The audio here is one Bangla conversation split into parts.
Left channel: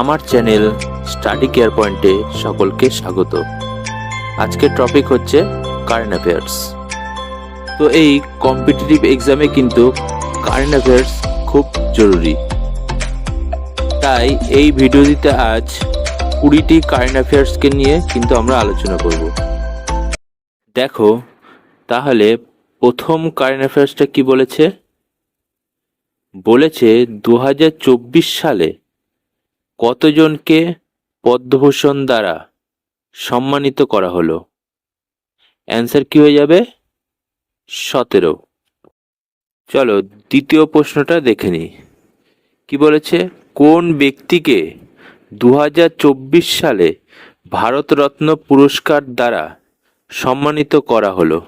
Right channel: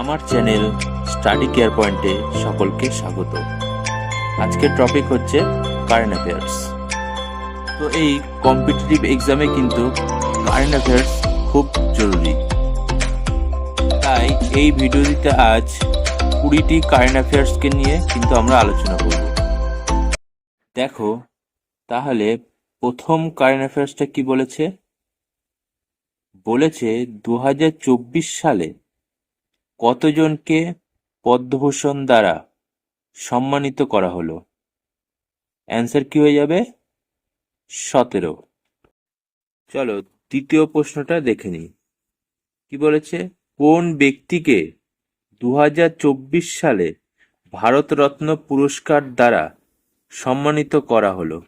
আমার চ্যানেল স্টাডি কেয়ার পয়েন্টে সকলকে স্বাগত। আজকের টপিক হচ্ছে কারেন্ট অ্যাফেয়ার্স। তো এই কম্পিটিটিভ এক্সামে কিন্তু কারেন্ট অ্যাফেয়ার্স খুব জরুরি, তাই এই ভিডিওটিতে আজ 20টি কারেন্ট অ্যাফেয়ার্সকে নিয়ে কিন্তু আমরা আলোচনা করব। দেখো তাহলে প্রথম কারেন্ট অ্যাফেয়ার্সটা কি বলেছে। বলেছে 2024 সালে কতজনকে পদ্মভূষণ দ্বারা সম্মানিত করা হলো? অ্যান্সার কি হয়ে যাবে? 17। চলো দ্বিতীয় প্রশ্নটা দেখে নিই। কি বলেছে, কোন ব্যক্তিকে 2024 সালে ভারতরত্ন পুরস্কার দ্বারা সম্মানিত করা হলো?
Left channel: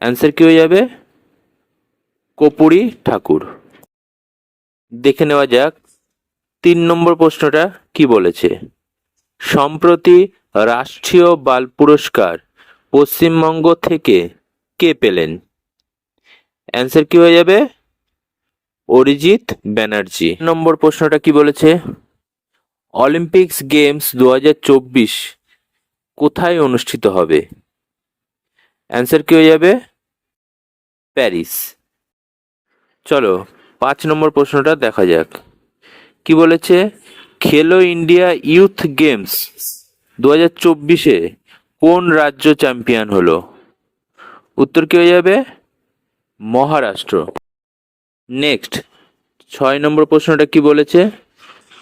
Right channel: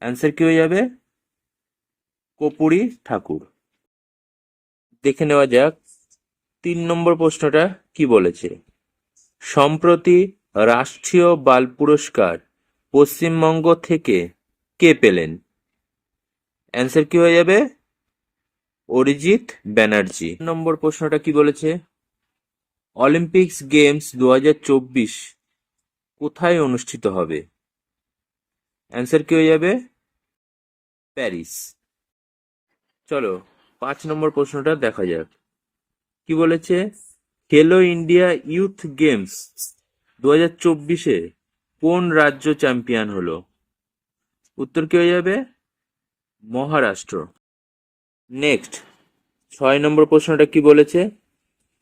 অ্যান্সার কি হয়ে যাবে? কর্পূরী ঠাকুর। দেখে নেওয়া যাক 3 নম্বর প্রশ্নটা কি বলেছে। সম্প্রতি রাষ্ট্রীয় বাল পুরস্কার পশ্চিমবঙ্গ থেকে কে পেলেন? অ্যান্সার কি হয়ে যাবে? অরিজিৎ ব্যানার্জি। নম্বর প্রশ্নটা কি বলেছে, অলিম্পিক্স গেমস 2024 কোথায় অনুষ্ঠিত হবে? অ্যান্সার কি হয়ে যাবে? প্যারিস। চলো 5 নম্বর প্রশ্নটা দেখা যাক। কি বলেছে, খেলো ইন্ডিয়া ইউথ গেমস 2024-এ কোন রাজ্য চ্যাম্পিয়ন হলো? উত্তর কি হয়ে যাবে? মহারাষ্ট্র। নেক্সট 6 নম্বর প্রশ্নটা কি বলেছে,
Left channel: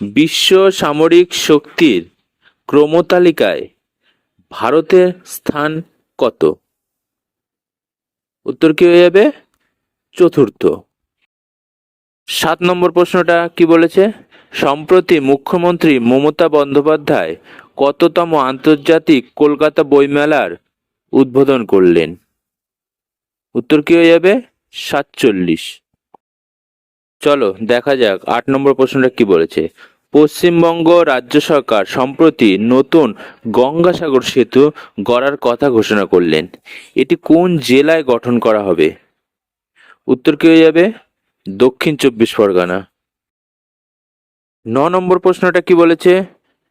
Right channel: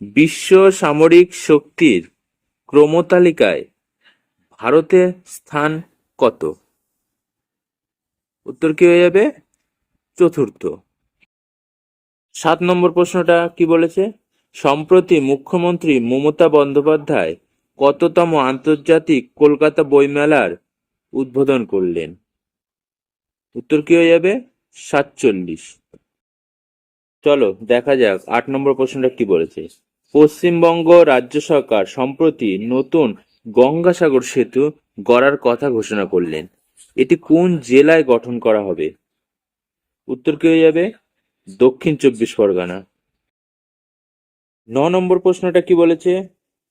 বিশ্ব সামরিক শক্তির ক্রমতালিকায় ভারতের স্থান কত? উত্তর কি হয়ে যাবে? চতুর্থ। 7 নম্বর প্রশ্নটা কি বলেছে, সম্প্রতি মুখ্যমন্ত্রী মমতা বন্দ্যোপাধ্যায় কততম আন্তর্জাতিক কলকাতা বইমেলার উদ্বোধন করলেন? উত্তর কি হয়ে যাবে? 47। চলো দেখা যাক 8 নম্বর প্রশ্নটা কি বলেছে, পশ্চিমবঙ্গ রাজ্য সরকার সম্প্রতি নতুন গঙ্গাসাগর সেতু গড়ার কথা ঘোষণা করলেন। এটি কোন জেলায় গঠন করা হবে? উত্তর কি হয়ে যাবে? দক্ষিণ 24 পরগনা। 9 নম্বর প্রশ্নটা কি বলেছে,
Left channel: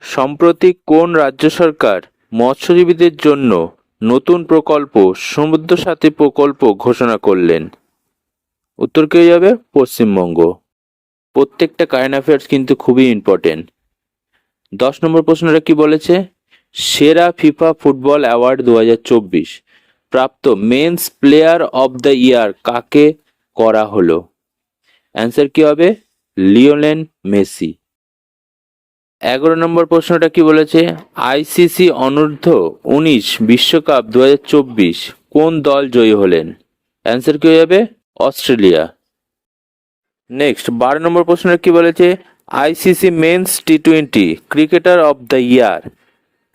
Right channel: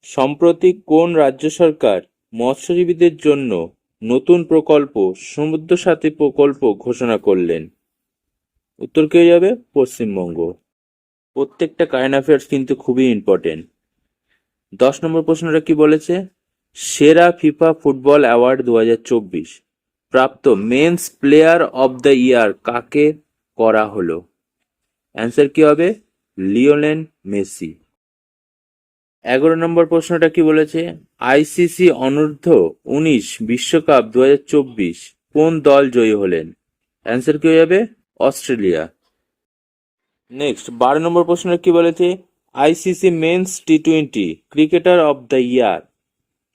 সম্প্রতি কোন রাজ্য সরকার মৎস্যজীবীদের জন্য নতুন প্রকল্প সমুদ্র সাথী প্রকল্প ঘোষণা করলেন? উত্তর কি হয়ে যাবে? পশ্চিমবঙ্গ। প্রত্যেকটা কারেন্ট অ্যাফেয়ার্স কিন্তু খুবই ইম্পর্টেন্ট। 10 নম্বর প্রশ্নটা কি বলেছে, সেরা ফিফা ফুটবল অ্যাওয়ার্ড 2024 প্রাপ্ত men's player of the year কাকে করা হলো? অ্যান্সার কি হবে? Lionel Messi. 11 নম্বর প্রশ্নটা কি বলেছে, আইসিসি অনূর্ধ্ব 19 বিশ্বকাপ 2024 কোন দল জয়ী হলেন? অ্যান্সার কি হয়ে যাবে? অস্ট্রেলিয়া। নেক্সট 12 নম্বর প্রশ্নটা কি বলেছে, আইসিসি মেন্স টি20 ক্রিকেটার অব দ্য ইয়ার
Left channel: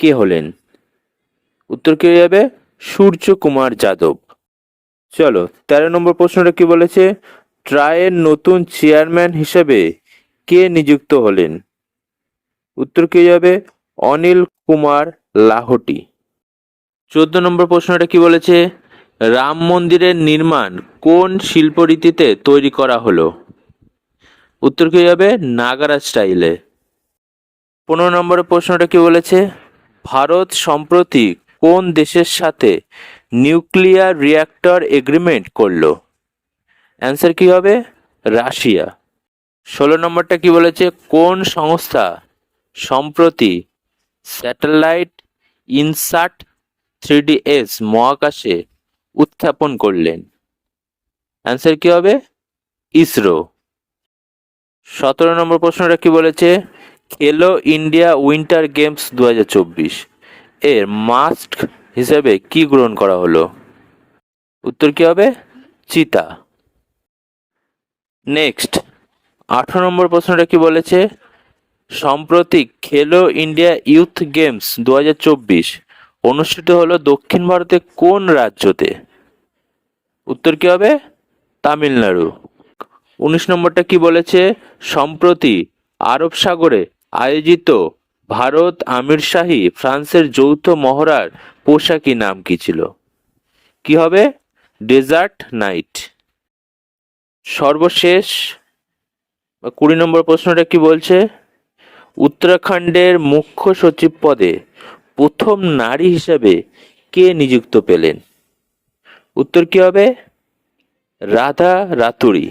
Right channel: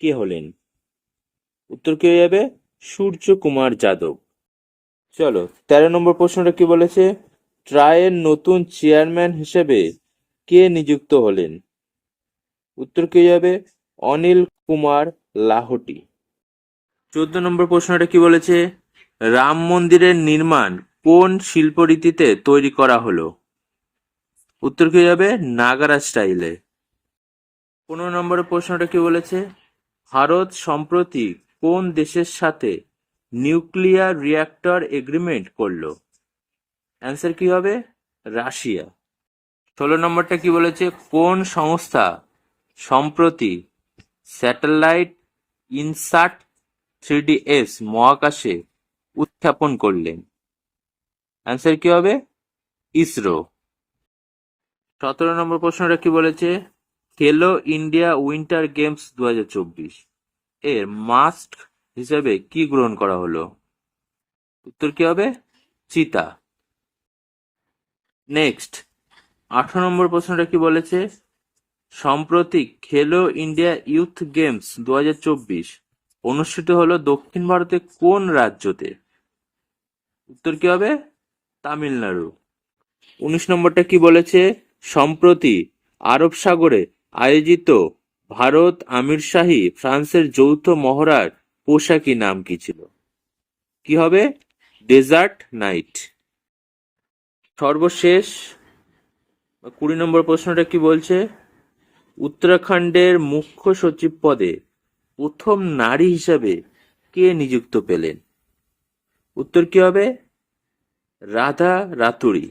কে হলেন? উত্তর কি হয়ে যাবে? সূর্য কুমার যাদব। চলো 13 নম্বর প্রশ্নটা কি বলেছে, ট্রাইয়ের নতুন চেয়ারম্যান হিসেবে কে নিযুক্ত হলেন? উত্তর কি হয়ে যাবে? অনিল কুমার লাহোটি। 14 নম্বর প্রশ্নটা কি বলেছে, রাম মন্দিরের নির্মাণ কোন শিল্পরীতিতে তৈরি করা হলো? উত্তর কি হয়ে যাবে? নাগারা স্টাইলে। 15 নম্বরের প্রশ্নটা কি বলেছে, ভারত সম্প্রতি কোন দেশের সাথে নিউক্লিয়ার রিঅ্যাক্টর এগ্রিমেন্ট করলো? অ্যান্সার কি হবে? রাশিয়া। 16 নম্বরটা কি বলেছে, কোন সংস্থা সম্প্রতি স্যাটেলাইট ইনসাট 3DS মহাকাশে উৎক্ষেপণ করলেন? অ্যান্সার কি হবে? ইসরো। 17 নম্বর প্রশ্নটা কি বলেছে, খেলো ইন্ডিয়া উইন্টার গেমস 2024 এর মাস্ক হিসেবে কি গ্রহণ করা হলো? উত্তর কি হবে? চিতা। নেক্সট 18 নম্বর প্রশ্নটা কি বলেছে, সম্প্রতি খেলো ইন্ডিয়া ইউথ গেমস 2024 অনুষ্ঠিত হলো দক্ষিণ ভারতে কোন রাজ্যতে? উত্তর কি হবে? তামিলনাড়ু। 19 নম্বরটা কি বলেছে, সম্প্রতি আরব সাগরে আয়োজিত ভারত আমিরশাহী ফ্রান্সের যৌথ মহড়ার পোশাকি নাম কি ছিল? কি হবে? Desert night. সর্বশেষ 20 নম্বর প্রশ্নটা কি বলছে, উত্তরাখণ্ডের মুখ্য সচিব পদে প্রথম নারী হিসেবে কে নিযুক্ত পেলেন? উত্তর কি হবে? রাধা রাতুরি।